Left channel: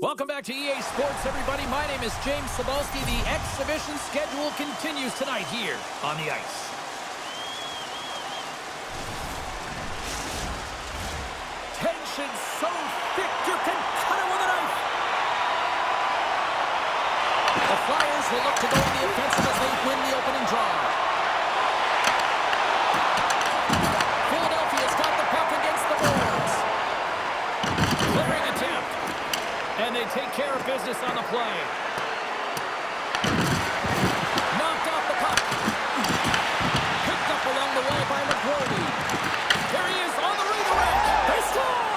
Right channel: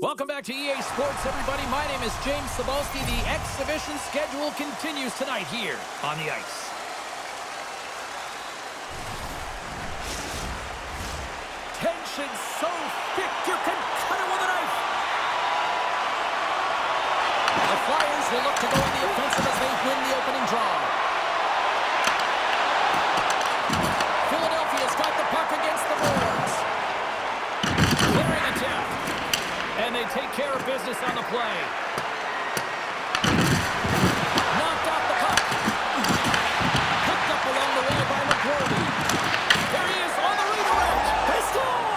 Welcome back to EA Sports, everybody. My name is James Cebulski. The exhibition schedule continues tonight here on the ice. Tension so thick you can cut it with a knife. The Flyers will look to go on the offensive as they win the opening draw. Philadelphia's got the puck against the boards. Clearing attempt. And they take care of business on the play. Knocked off the puck. Picked up along the wall by McGrory. There he is on the redirect. They score!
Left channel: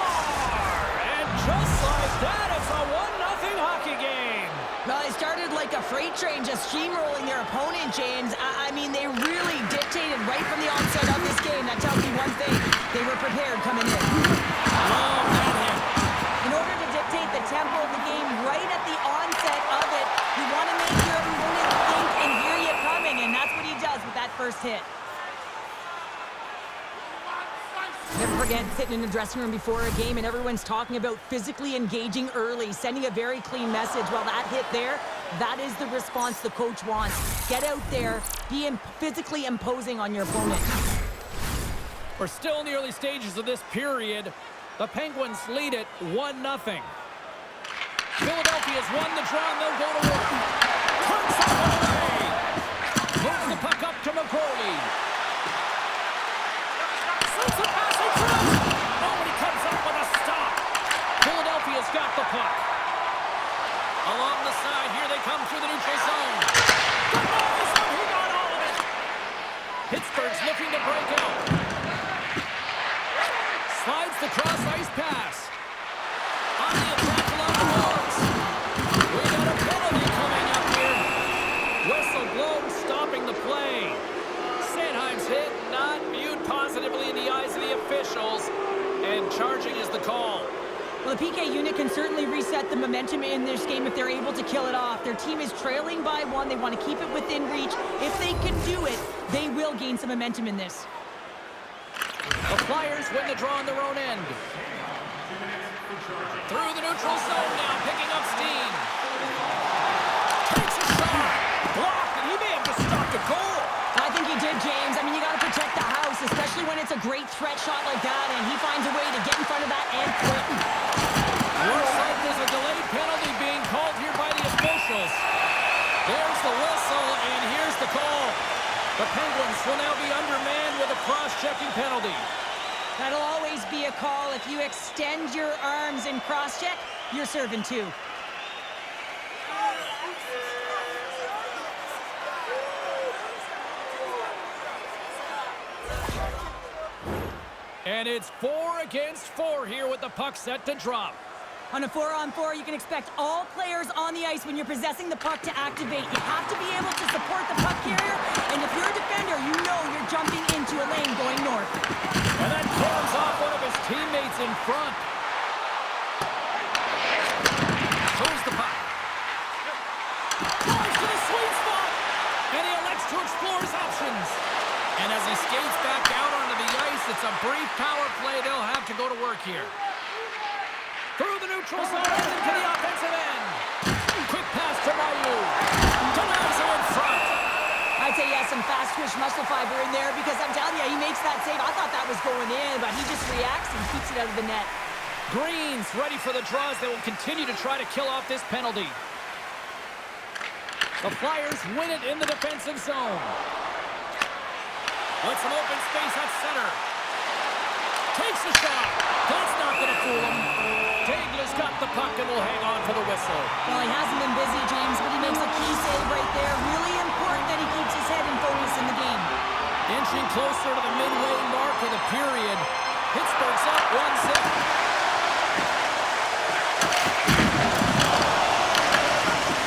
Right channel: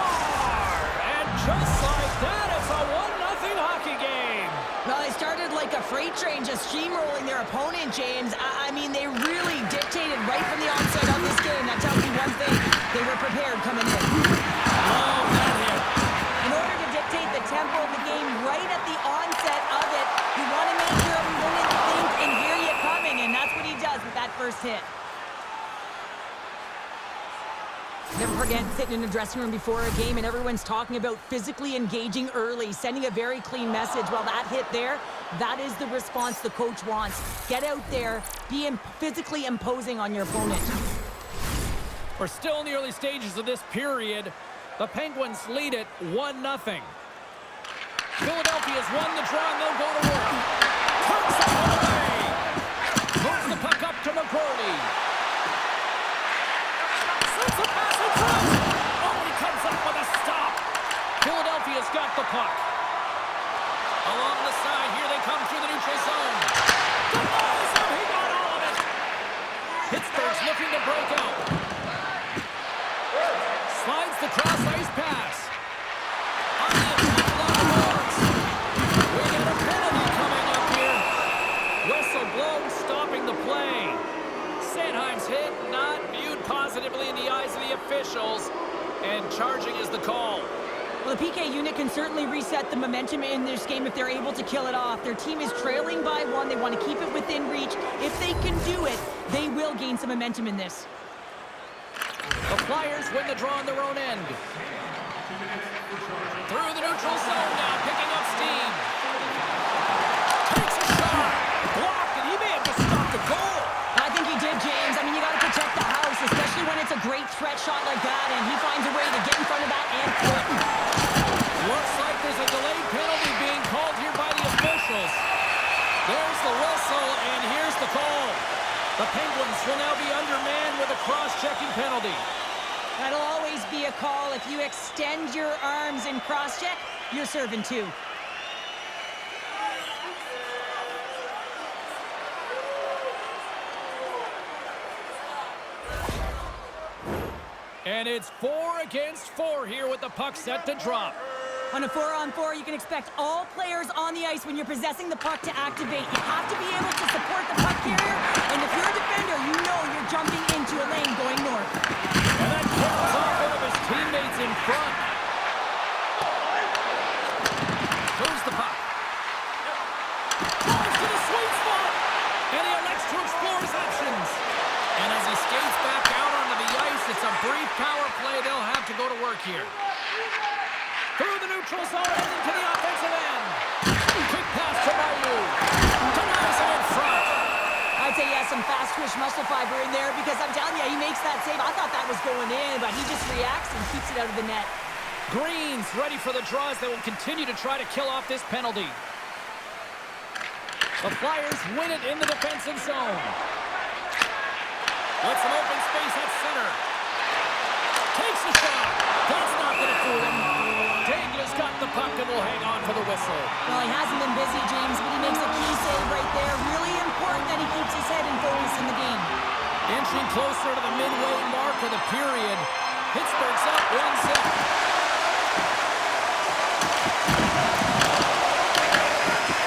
And just like that, it's a 1-0 hockey game. Well, they started like a freight train, just steamrolling their opponent, James. I mean, they really dictated right from the onset of this game. That tells me one thing. They were prepared coming in. Love that hit. In order to dictate the tempo of the game right at the onset of it, you want to make your opponent think and hear you coming, and that's what he does with that first hit. Never forget sitting in the dressing room before a game and everyone's talking about physically engaging early, sending a very clean message. Well, that hit there, that is the response the coach wants. Get out there, be physically imposing on your opponent. We're still in the early stages of this period. The Penguins lead it 1-0. Philadelphia's won the draw and they'll go to work. Turns that one away. Moves the puck up to McGrory. Slips a pass in front. Oh, and he comes up with a stop. Philadelphia's got the puck. Along the side, here they come through the neutral zone. Denies him, he got all of it. Pittsburgh's looking to break out. Slides the cross-ice pass. On the attack along the boards. We got a penalty coming up here. Whistle blown, stopping the play. Sanheim's hit not viewed positively in the eyes of the officials. And charging is the call. Well, the PK unit can certainly reset the momentum in this game if they're able to kill it off. Their team is trailing by 1. They want to keep it within reach. If they can do it, they will gain some momentum in this. The Flyers win the draw on their own end. Through the neutral zone now, picking up steam. Takes a shot. Blocked, and he may have just stopped a goal. I think he did, James. I mean, you got to protect the house, especially when it's a great threat shot like that, and he finds a way to get in front of that and quit. Looks like there's a delayed penalty being called here by the officials. There's the whistle, and here's the call. The Penguins will now be undermanned with a cross-checking penalty. That'll always be a call. If you extend your arms and cross-check, you're serving too. And it's 4 against 4 here with the puck set to drop. On a 4-on-4, you can expect all players on the ice when you're possessing the puck to activate. You have to be able to support the puck carrier, and if you're a defender, you know you're jumping into a lane going north. And that carries off one of his teammates in front. Moves the puck. Drives to the sweet spot, and he elects to explore his options. And as he skates back out onto the ice, it's a brief power play. They'll have to go to work here. Through the neutral zone and into the offensive end. Quick pass to Mayu. Denies him in front. I'd say he has some fast twitch muscle fiber in there because I'm telling you, he makes that save. I thought that was going in, but he just reacts and keeps it out of the net. Green's ready for the draws. They will continue to try to kill off this penalty. The Flyers win it in the defensive zone. With some open space at center. Takes the shot. That's not going to fool him. Dagler's got the puck and will hang on for the whistle. Well, he hasn't been busy, James, but he makes a key save right there. Really important that he keeps his head in focus in the game. Inching closer to the midway mark of the period. Pittsburgh's up 1-0.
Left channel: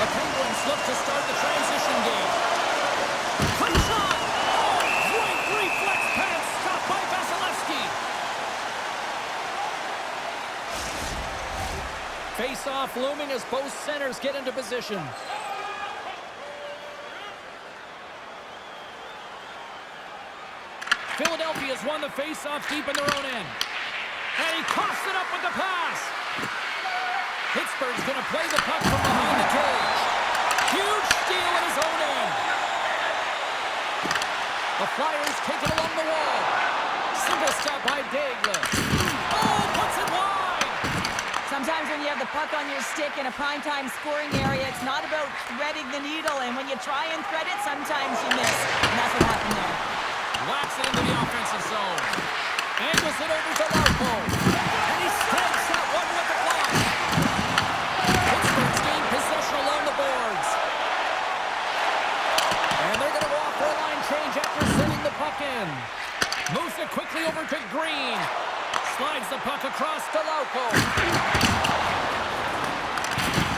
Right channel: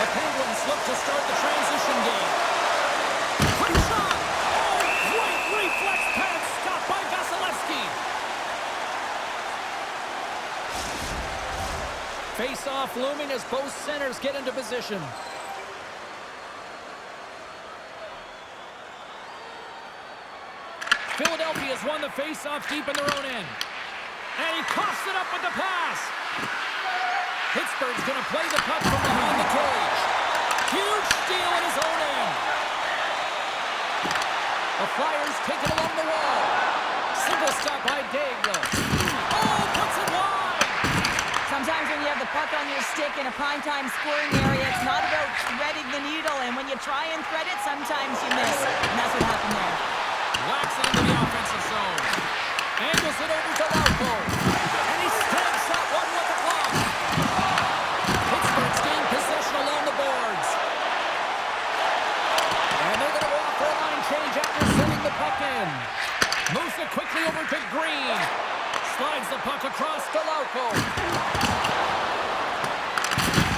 The Penguins look to start the transition game. Quick shot! Oh, great reflex pass stopped by Vasilevsky. Face-off looming as both centers get into position. Philadelphia's won the face-off deep in their own end. And he coughs it up with the pass. Pittsburgh's going to play the puck from behind the cage. Huge steal at his own end. The Flyers take it along the wall. Simple stop by Daigle. Oh, puts it wide. Sometimes when you have the puck on your stick in a primetime scoring area, it's not about threading the needle. And when you try and thread it, sometimes you miss. And that's what happened there. Whacks it into the offensive zone. Angles it over to Lauko. And he snags that one with the glove. Pittsburgh's gained possession along the boards. And they're going to go off for a line change after sending the puck in. Moves it quickly over to Green. Slides the puck across to Lauko.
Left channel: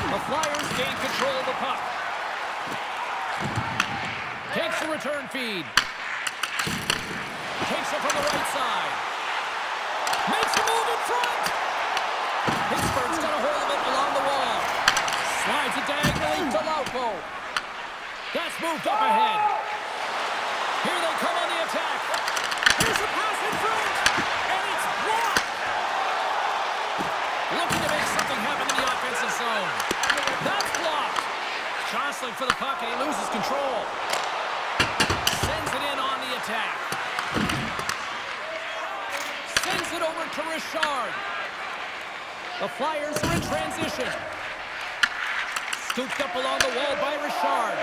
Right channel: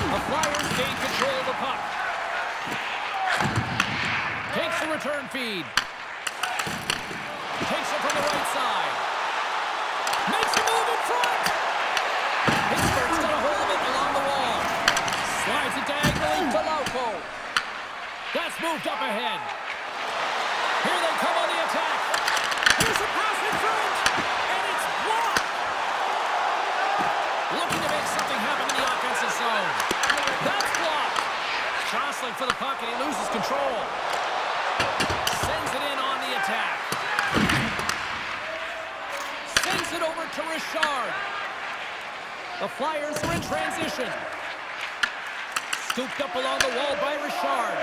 The Flyers gain control of the puck. Takes the return feed. Takes it from the right side. Makes a move in front. Pittsburgh's got a hold of it along the wall. Slides it diagonally to Lauko. That's moved up ahead. Here they come on the attack. Here's a pass in front. And it's blocked. Looking to make something happen in the offensive zone. That's blocked. Jostling for the puck and he loses control. Sends it in on the attack. Sends it over to Richard. The Flyers are in transition. Scooped up along the wall by Richard.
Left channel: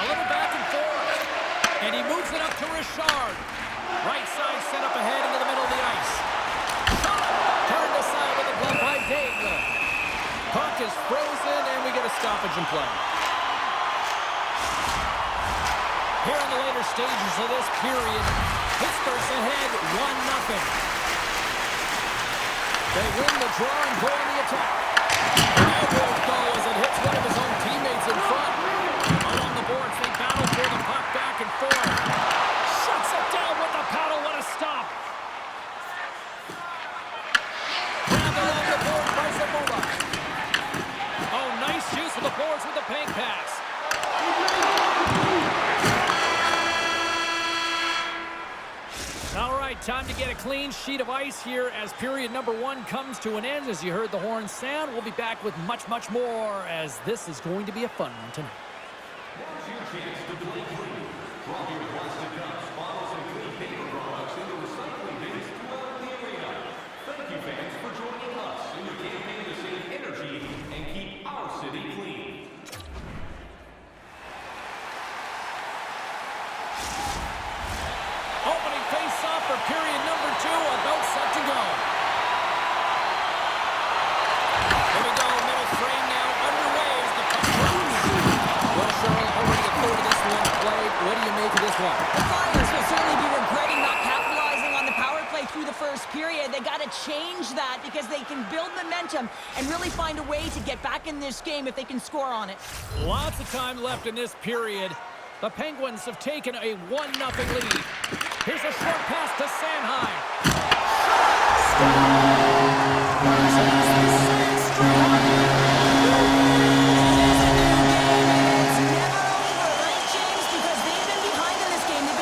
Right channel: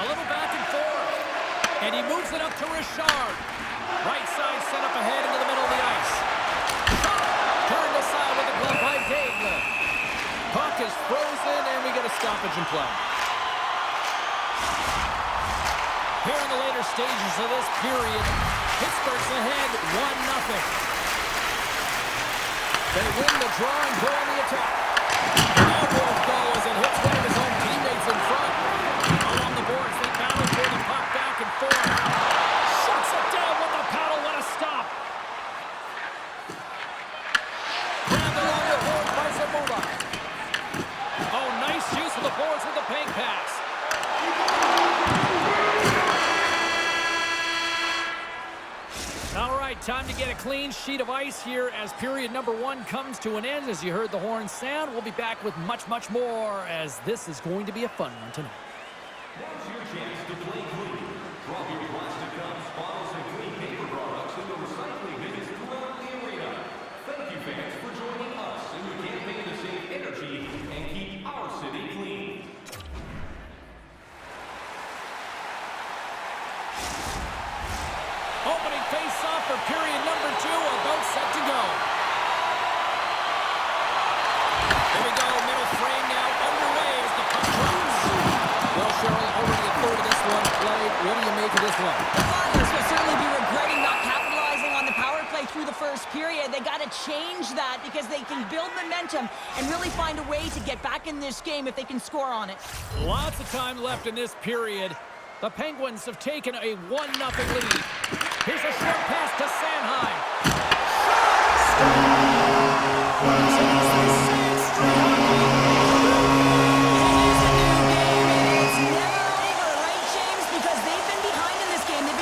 A little back and forth. And he moves it up to Richard. Right side set up ahead into the middle of the ice. Shot! Turned aside with the glove by Daigle. Puck is frozen and we get a stoppage in play. Here in the later stages of this period, Pittsburgh's ahead 1-0. They win the draw and go on the attack. Now won't go as it hits one of his own teammates in front. Along the boards, they battle for the puck back and forth. Shuts it down with the paddle. What a stop. Grabbed along the boards by Zamula. Oh, nice use of the boards with the bank pass. All right, time to get a clean sheet of ice here as period number 1 comes to an end. As you heard the horn sound, we'll be back with much, much more as this is going to be a fun one tonight. Now's your chance to play clean. Drop your plastic cups, bottles, and clean paper products into recycling bins throughout the arena. Thank you, fans, for joining us in the campaign to save energy and keep our city clean. Opening face-off for period number 2, about set to go. Here we go, middle frame now underway as the puck drops. Well, Cheryl, already a third of this one played. What do you make of this one? The Flyers will certainly be regretting not capitalizing on the power play through the first period. They got to change that because they can build momentum and really find a way to get back in this game if they can score on it. Lots of time left in this period. The Penguins have taken a 1-0 lead. Here's a short pass to Sanheim.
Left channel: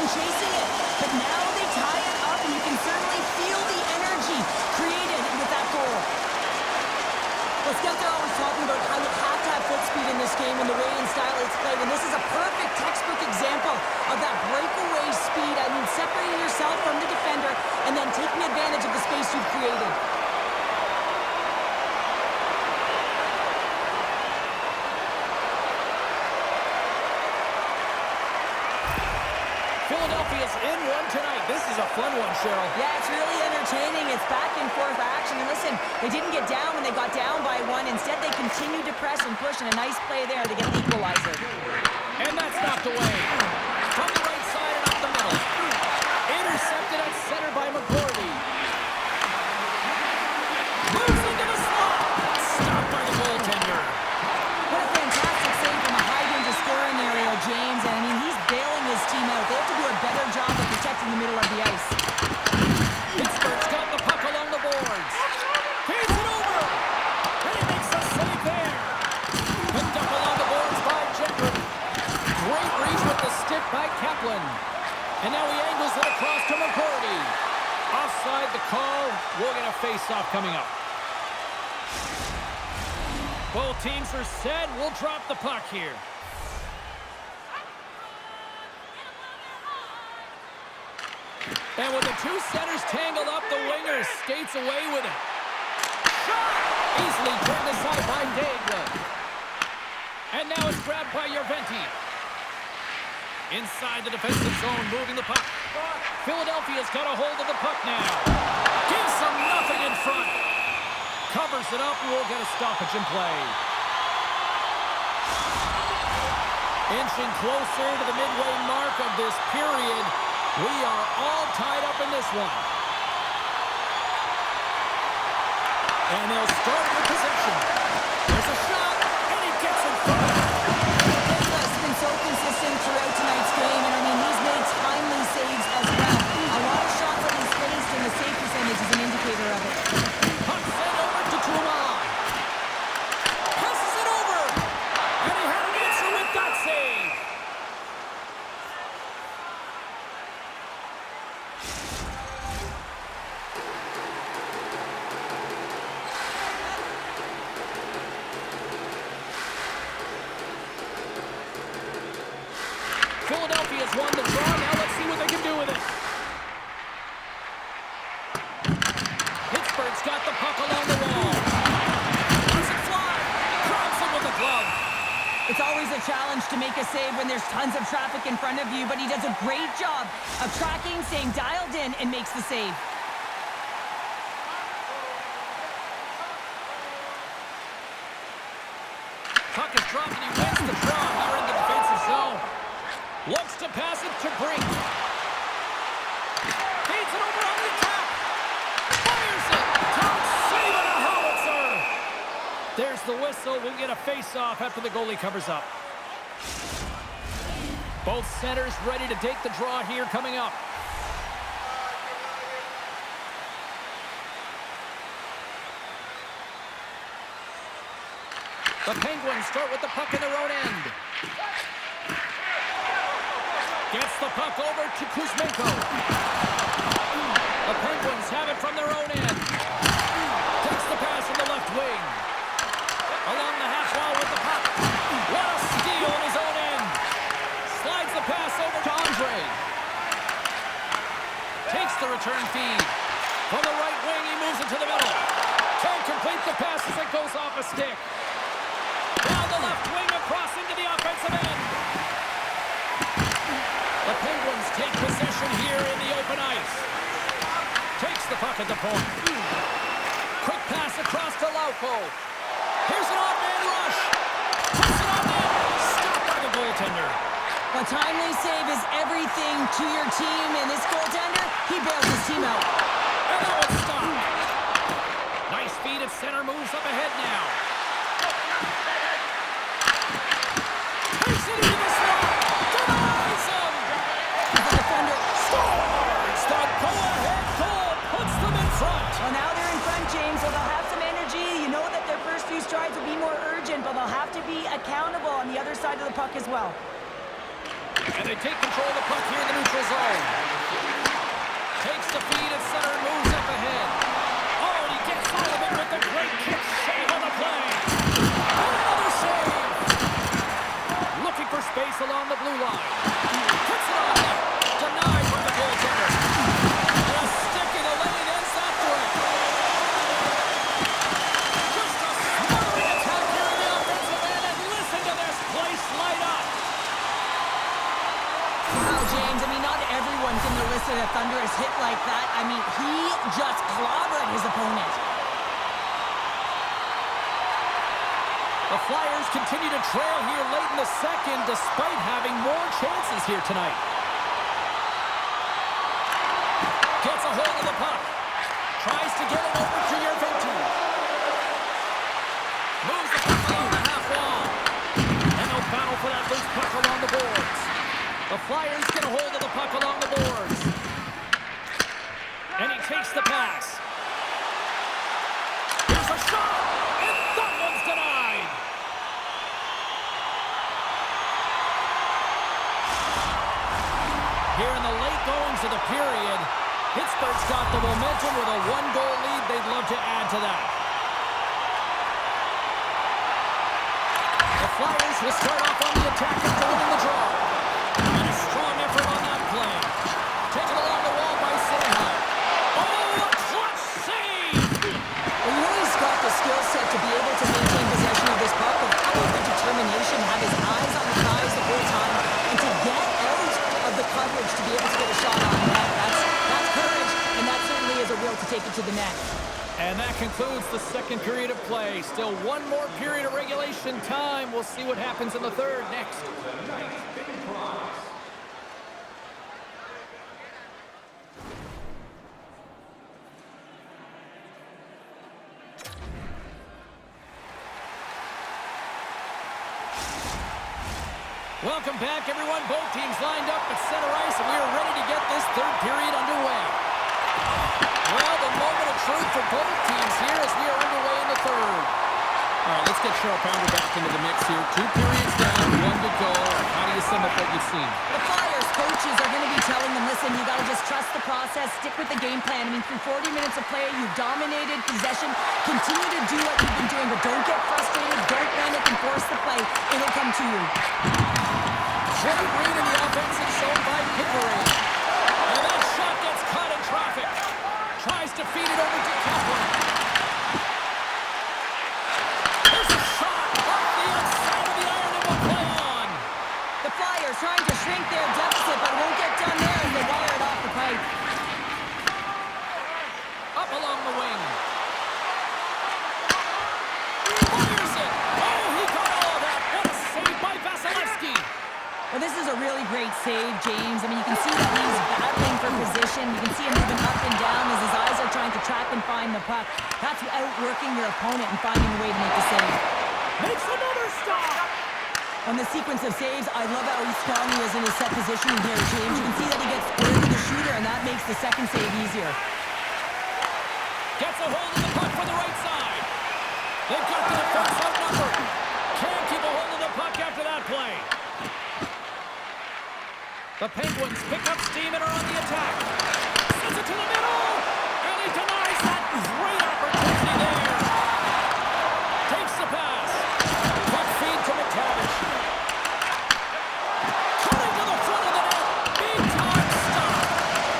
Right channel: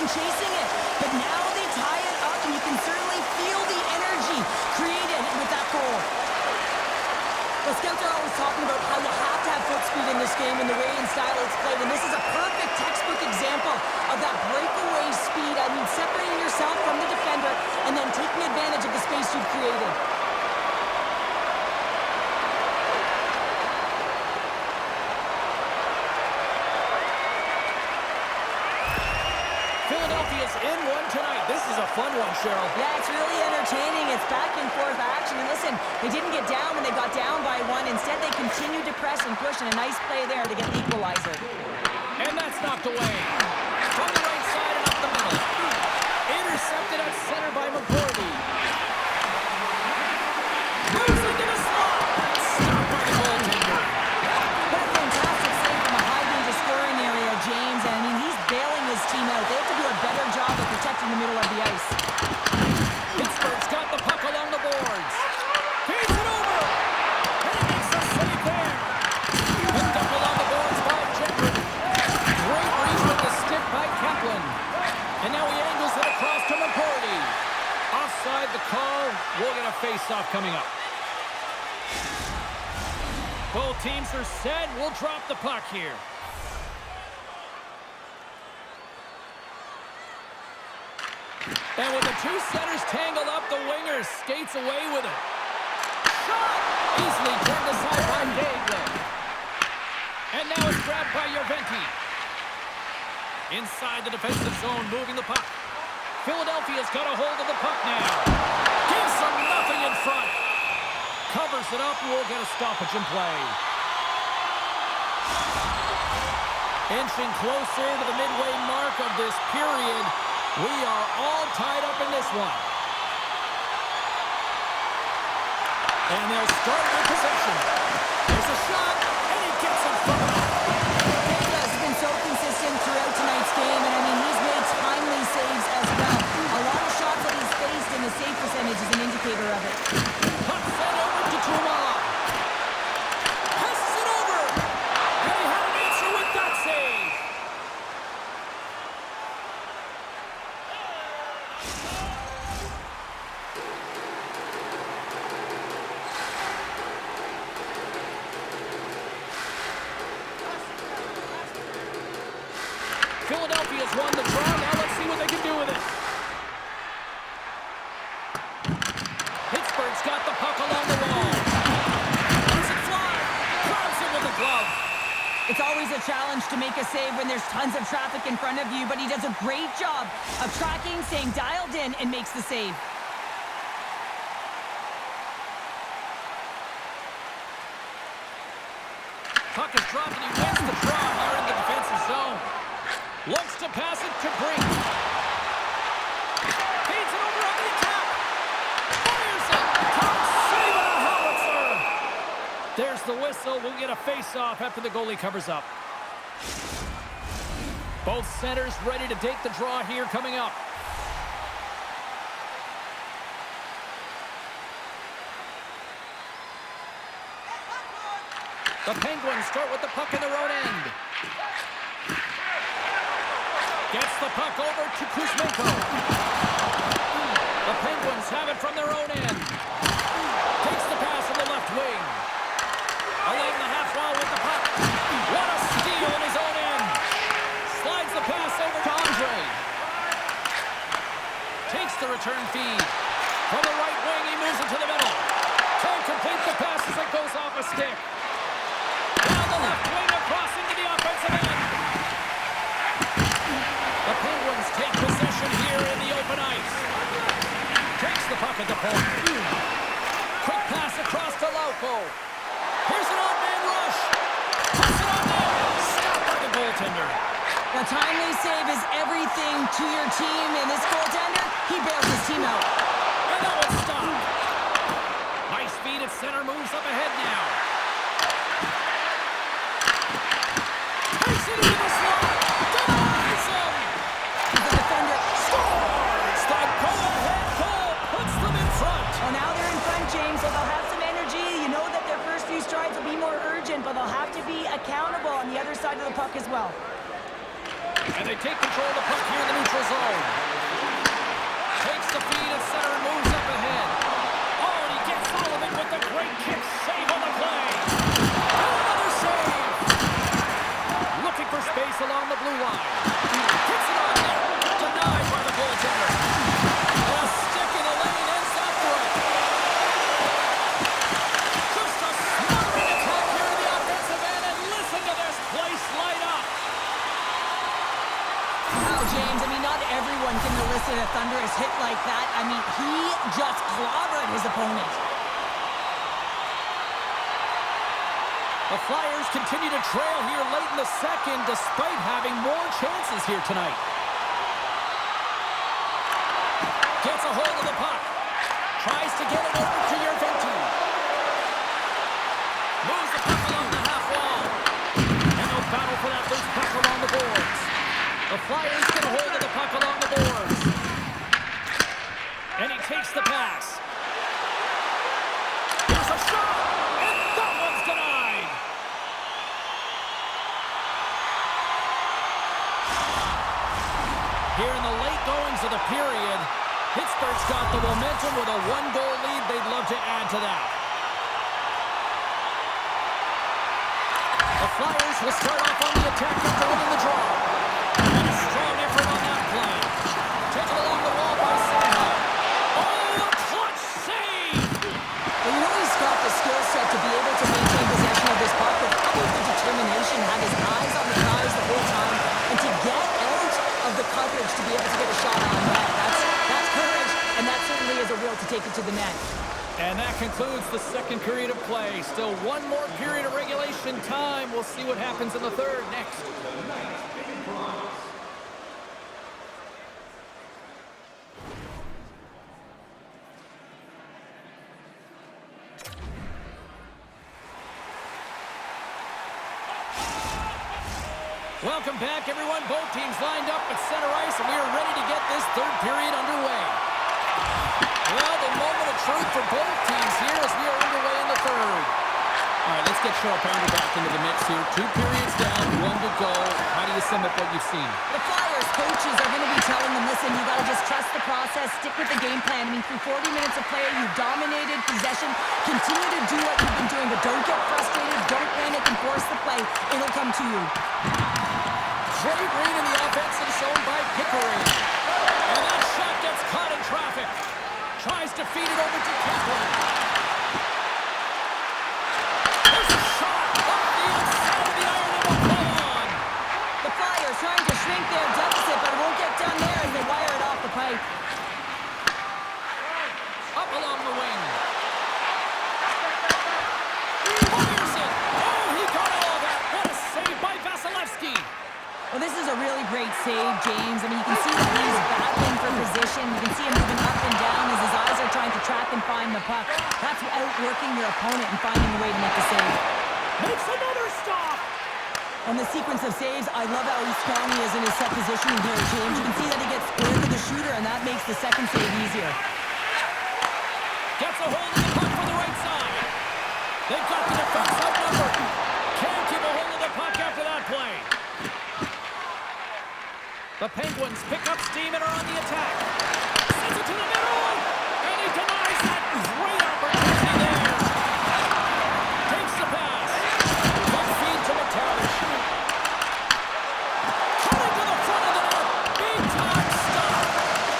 Chasing it, but now they tie it up, and you can certainly feel the energy created with that goal. Well, scouts are always talking about how you have to have foot speed in this game and the way and style it's played, and this is a perfect textbook example of that breakaway speed. I mean, separating yourself from the defender and then taking advantage of the space you've created. Philadelphia's in one tonight. This is a fun one, Cheryl. Yeah, it's really entertaining. It's back and forth action. And listen, they didn't get down when they got down by 1. Instead, they continued to press and push, and a nice play there to get the equalizer. And that's knocked away. From the right side and up the middle. Intercepted at center by McGordy. Moves into the slot. Stopped by the goaltender. What a fantastic save from a high-danger scoring area, James. And, I mean, he's bailing his team out. They have to do a better job of protecting the middle of the ice. Pittsburgh's got the puck along the boards. Feeds it over. And he makes a save there. Picked up along the boards by Gendron. Great reach with the stick by Kaplan. And now he angles it across to McGordy. Offside the call. We'll get a face-off coming up. Both teams are set. We'll drop the puck here. And with the two centers tangled up, the winger skates away with it. Shot! Easily turned aside by Daigle. And now it's grabbed by Järventie. Inside the defensive zone, moving the puck. Philadelphia's got a hold of the puck now. Gives them nothing in front. Covers it up, and we'll get a stoppage in play. Inching closer to the midway mark of this period. We are all tied up in this one. And they'll start with possession. There's a shot, and he gets in front of it. Daigle's been so consistent throughout tonight's game, and I mean, he's made timely saves as well. A lot of shots that he's faced, and the save percentage is an indicator of it. Puck sent over to Touma. Passes it over, and he had an answer with that save. Philadelphia's won the draw. Now let's see what they can do with it. Pittsburgh's got the puck along the wall. Lets it fly. Grabs it with a glove. It's always a challenge to make a save when there's tons of traffic in front of you, but he does a great job of tracking, staying dialed in, and makes the save. Puck is dropped, and he wins the draw here in the defensive zone. Looks to pass it to Brink. Feeds it over on the attack. Fires it. Top save and a howitzer. There's the whistle. We'll get a face-off after the goalie covers up. Both centers ready to take the draw here coming up. The Penguins start with the puck in their own end. Gets the puck over to Kuzmenko. The Penguins have it from their own end. Takes the pass from the left wing. Along the half wall with the puck. What a steal in his own end. Slides the pass over to Andre. Takes the return feed. From the right wing, he moves it to the middle. Can't complete the pass as it goes off a stick. Down the left wing across into the offensive end. The Penguins take possession here in the open ice. Takes the puck at the point. Quick pass across to Lauko. Here's an odd man rush. Puts it on net. Stopped by the goaltender. A timely save is everything to your team, and this goaltender, he bails his team out. And that one's stopped. Nice feed at center, moves up ahead now. Takes it into the slot. Denies him. The defender Scores! The go-ahead goal puts them in front. Well, now they're in front, James, so they'll have some energy. You know that their first few strides will be more urgent, but they'll have to be accountable on the other side of the puck as well. And they take control of the puck here in the neutral zone. Takes the feed at center and moves up ahead. Oh, and he gets all of it with the great kick save on the play. And another save. Looking for space along the blue line. Puts it on net. Denied by the goaltender. And a stick in the lane ends that threat. Just a smothering attack here in the offensive end. And listen to this place light up. Wow, James, I mean, not everyone can elicit a thunderous hit like that. I mean, he just clobbered his opponent. The Flyers continue to trail here late in the second despite having more chances here tonight. Gets a hold of the puck. Tries to get it over to Järventie. Moves the puck along the half wall. And they'll battle for that loose puck along the boards. The Flyers get a hold of the puck along the boards. And he takes the pass. Here's a shot. And that one's denied. Here in the late goings of the period, Pittsburgh's got the momentum with a one-goal lead. They'd love to add to that. The Flyers will start off on the attack after winning the draw. And a strong effort on that play. Taken along the wall by Psfive. Oh, a clutch save! Well, you know he's got the skill set to be able to maintain possession of this puck, but how about the determination, have his eyes on the prize the whole time, and to get out of the coverage to be able to get a shot on net. That's courage, and that certainly is a will to take it to the net. And that concludes the second period of play. Still one more period of regulation time. We'll see what happens in the third next. Tonight's big prize. Welcome back, everyone. Both teams lined up at center ice, and we are ready to get this third period underway. Well, the moment of truth for both teams here as we are underway in the third. All right, let's get Cheryl Pounder back into the mix here. 2 periods down, 1 to go. How do you sum up what you've seen? The Flyers coaches are going to be telling them, listen, you got to just trust the process, stick with the game plan. I mean, through 40 minutes of play, you've dominated possession. Continue to do what you've been doing, but don't get frustrated. Don't panic and force the play. It'll come to you. Great read in the offense and shown by Pickering. And that shot gets caught in traffic. Tries to feed it over to Kaplan. There's a shot off the inside of the iron and will play on. The Flyers trying to shrink their deficit, but it won't get done there as they wire it off the pipe. Up along the wing. Fires it. Oh, he got all of that. What a save by Vasilevsky. Well, this is a really great save, James. I mean, you can see that he's battling for position. You can see him moving up and down as his eyes are trying to track and find the puck. That's outworking your opponent and finding a way to make the save. Makes another stop. On the sequence of saves, I love how strong he is in his set positioning here, James. You can see that he gets square to the shooter, and that makes the second save easier. Gets a hold of the puck for the right side. They've got the defense outnumbered. Can't keep a hold of the puck after that play. The Penguins pick up steam and are on the attack. Sends it to the middle, and he denies that great opportunity there. Takes the pass. Quick feed to McTavish. Cutting to the front of the net. Big time stop.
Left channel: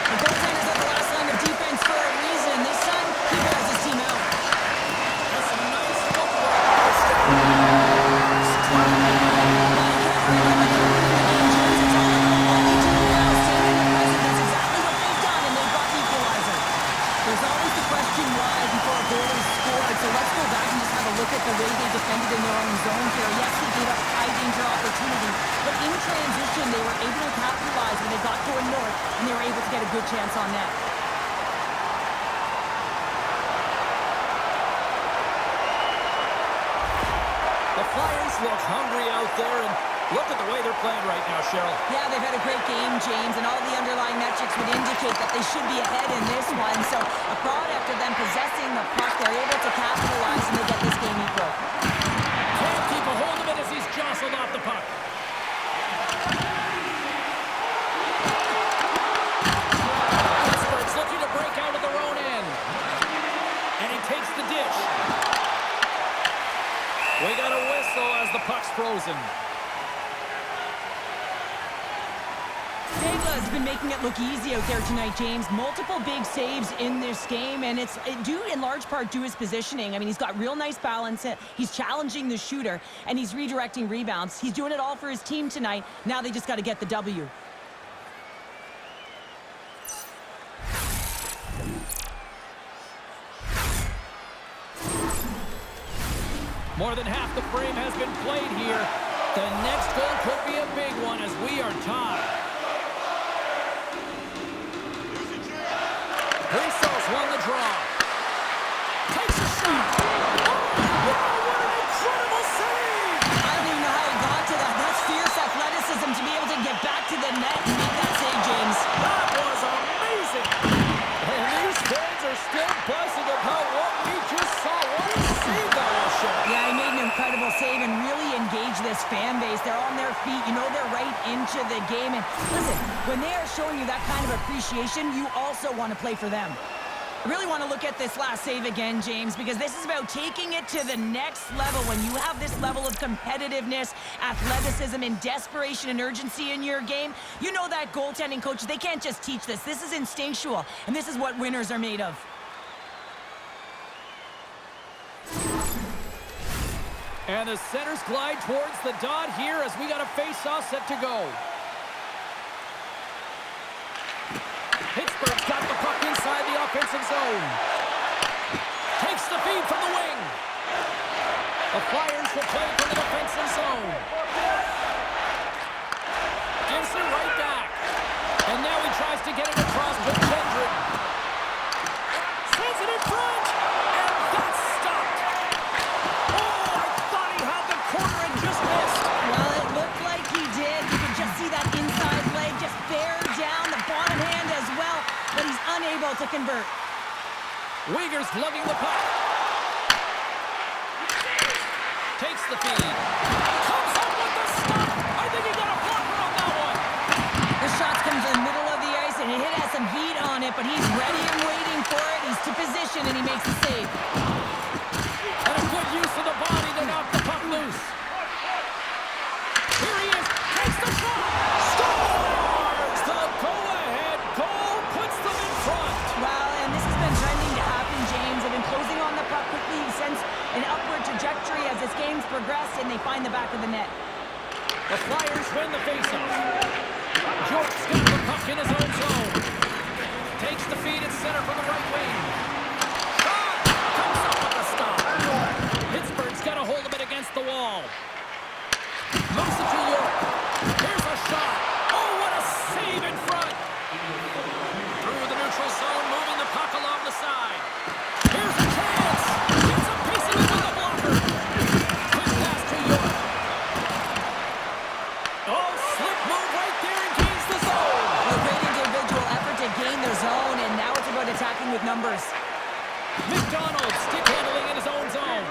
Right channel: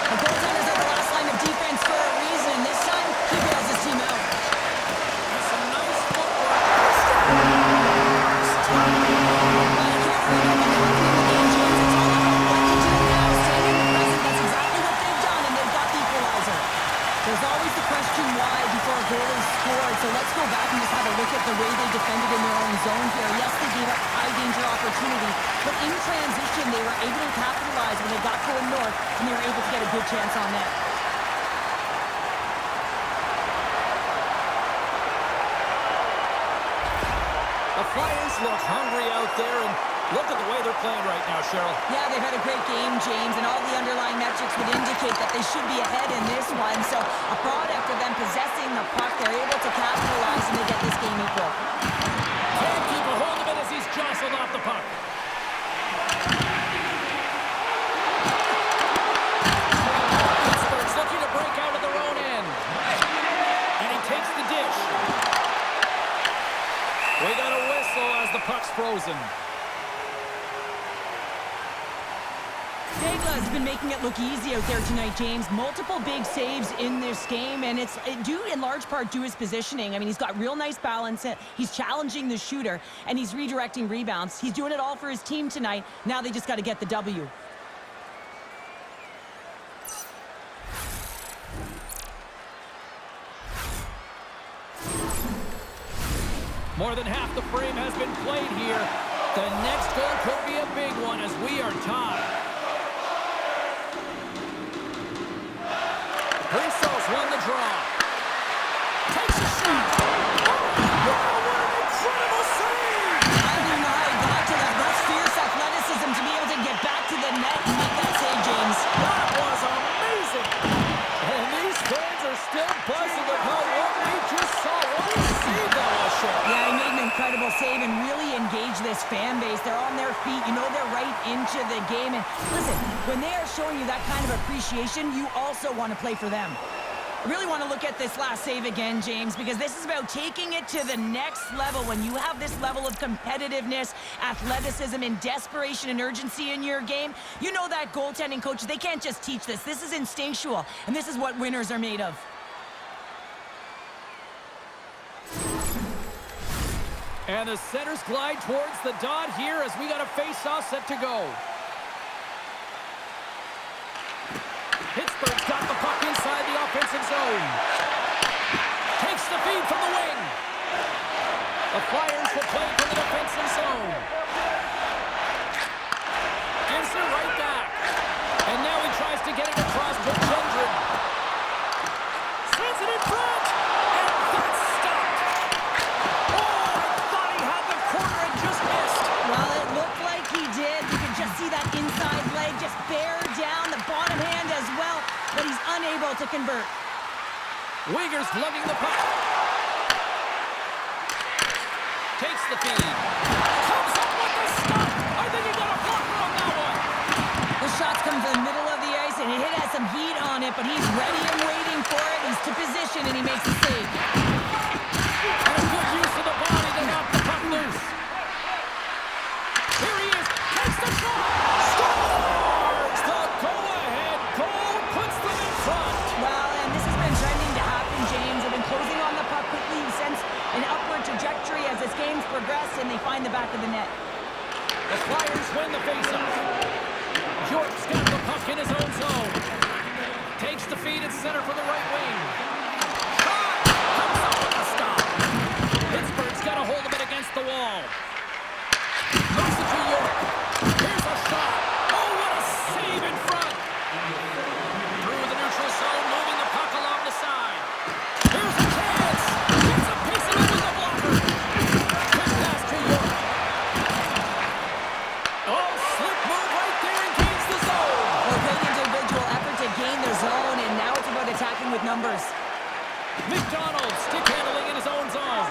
The goaltenders are the last line of defense for a reason. This time, he bails his team out. That's some nice footwork. Well, you can't worry about what happened in the game, James. It's all about what they do now. Staying in the present, that's exactly what they've done, and they've got the equalizer. There's always the question why before a goal is scored, so let's go back and just have a look at the way they defended in their own zone here. Yes, they gave up high-danger opportunity, but in transition, they were able to capitalize when they got going north, and they were able to get a good chance on net. The Flyers look hungry out there, and look at the way they're playing right now, Cheryl. Yeah, they've had a great game, James, and all the underlying metrics would indicate that they should be ahead in this one. So a product of them possessing the puck, they're able to capitalize, and they get this game equal. Can't keep a hold of it as he's jostled off the puck. Pittsburgh's looking to break out of their own end. And he takes the dish. We got a whistle as the puck's frozen. Dagla's been making it look easy out there tonight, James. Multiple big saves in this game, and it's due in large part to his positioning. I mean, he's got real nice balance. He's challenging the shooter, and he's redirecting rebounds. He's doing it all for his team tonight. Now they just got to get the W. More than half the frame has been played here. The next goal could be a big one as we are tied. Brissos won the draw. Takes a shot. Oh, wow, what an incredible save! I don't even know how he got to that. That's fierce athleticism to be able to get back to the net and make that save, James. That was amazing! And these fans are still buzzing about what we just saw. What a save that was, Cheryl. Yeah, he made an incredible little save and really engage this fan base. They're on their feet. You know they're right into the game. And listen, when they are showing you that kind of appreciation, you also want to play for them. I really want to look at this last save again, James, because this is about taking it to the next level. When you have this level of competitiveness, athleticism, and desperation and urgency in your game, you know that goaltending coaches, they can't just teach this. This is instinctual, and this is what winners are made of. And the centers glide towards the dot here as we got a face-off set to go. Pittsburgh's got the puck inside the offensive zone. Takes the feed from the wing. The Flyers will play from the defensive zone. Gives it right back. And now he tries to get it across to Gendron. Sends it in front. And that's stopped. Oh, I thought he had the corner and just missed. Well, it looked like he did. You can just see that inside leg just bear down, the bottom hand as well, but he's unable to convert. Uyghur's lugging the puck. Takes the feed. Comes up with the stop. I think he got a blocker on that one. The shots come from the middle of the ice, and it has some heat on it, but he's ready and waiting for it. He's to position, and he makes the save. And a good use of the body to knock the puck loose. Here he is. Takes the shot. Scores! The go-ahead goal puts them in front. Well, and this has been trending to happen, James. They've been closing on the puck quickly. He sends an upward trajectory as this game's progressed, and they find the back of the net. The Flyers win the faceoff. York's got the puck in his own zone. Takes the feed at center from the right wing. Shot! Comes up with the stop. Pittsburgh's got a hold of it against the wall. Moves it to York. Here's a shot. Oh, what a save in front. Through the neutral zone, moving the puck along the side. Here's a chance. Gets a piece of it with the blocker. Quick pass to York. Oh, slick move right there and gains the zone. Well, great individual effort to gain the zone, and now it's about attacking with numbers. McDonald stick handling in his own zone.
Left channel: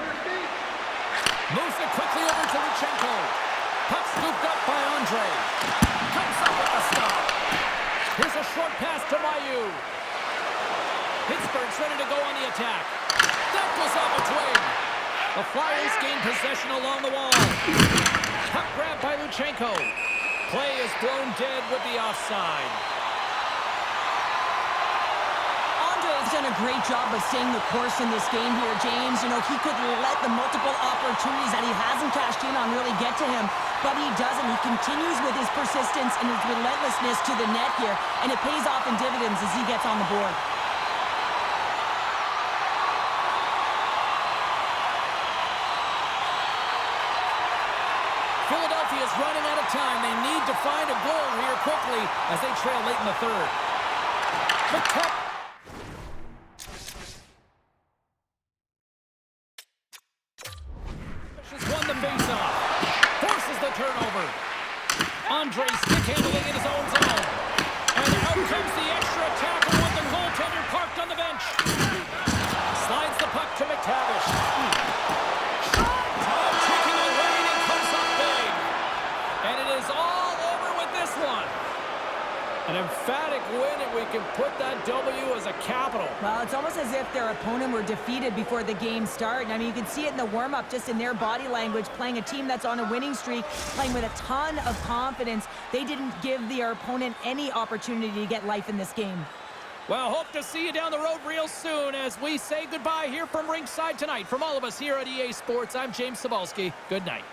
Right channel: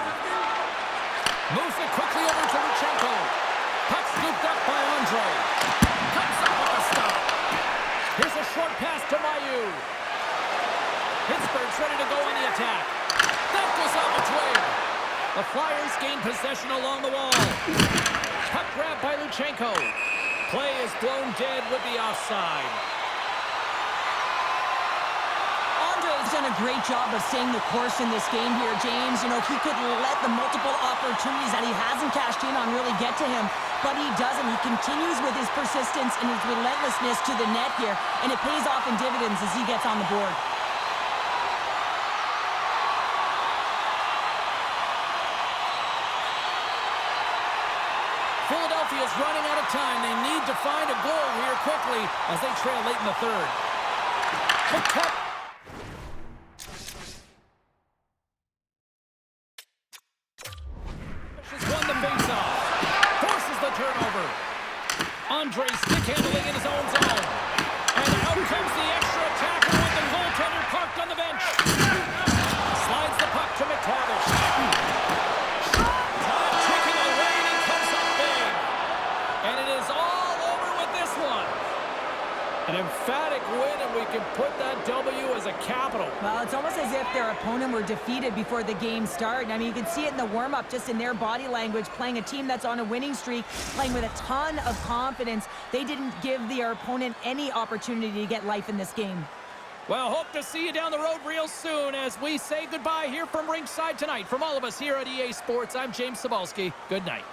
Moves it quickly over to Luchenko. Puck scooped up by Andre. Comes up with the stop. Here's a short pass to Mayu. Pittsburgh's ready to go on the attack. That goes out between. The Flyers gain possession along the wall. Puck grabbed by Luchenko. Play is blown dead with the offside. Andre's done a great job of staying the course in this game here, James. You know, he could let the multiple opportunities that he hasn't cashed in on really get to him, but he doesn't. He continues with his persistence and his relentlessness to the net here, and it pays off in dividends as he gets on the board. Philadelphia's running out of time. They need to find a goal here quickly as they trail late in the third. Has won the faceoff. Forces the turnover. Andre stick handling in his own zone. And out comes the extra attacker with the goaltender parked on the bench. Slides the puck to McTavish. Time ticking away and he comes up big. And it is all over with this one. An emphatic win, and we can put that W as a capital. Well, it's almost as if their opponent were defeated before the game started. I mean, you can see it in the warm-up, just in their body language, playing a team that's on a winning streak, playing with a ton of confidence. They didn't give their opponent any opportunity to get life in this game. Well, hope to see you down the road real soon as we say goodbye here from ringside tonight. From all of us here at EA Sports, I'm James Cebulski. Good night.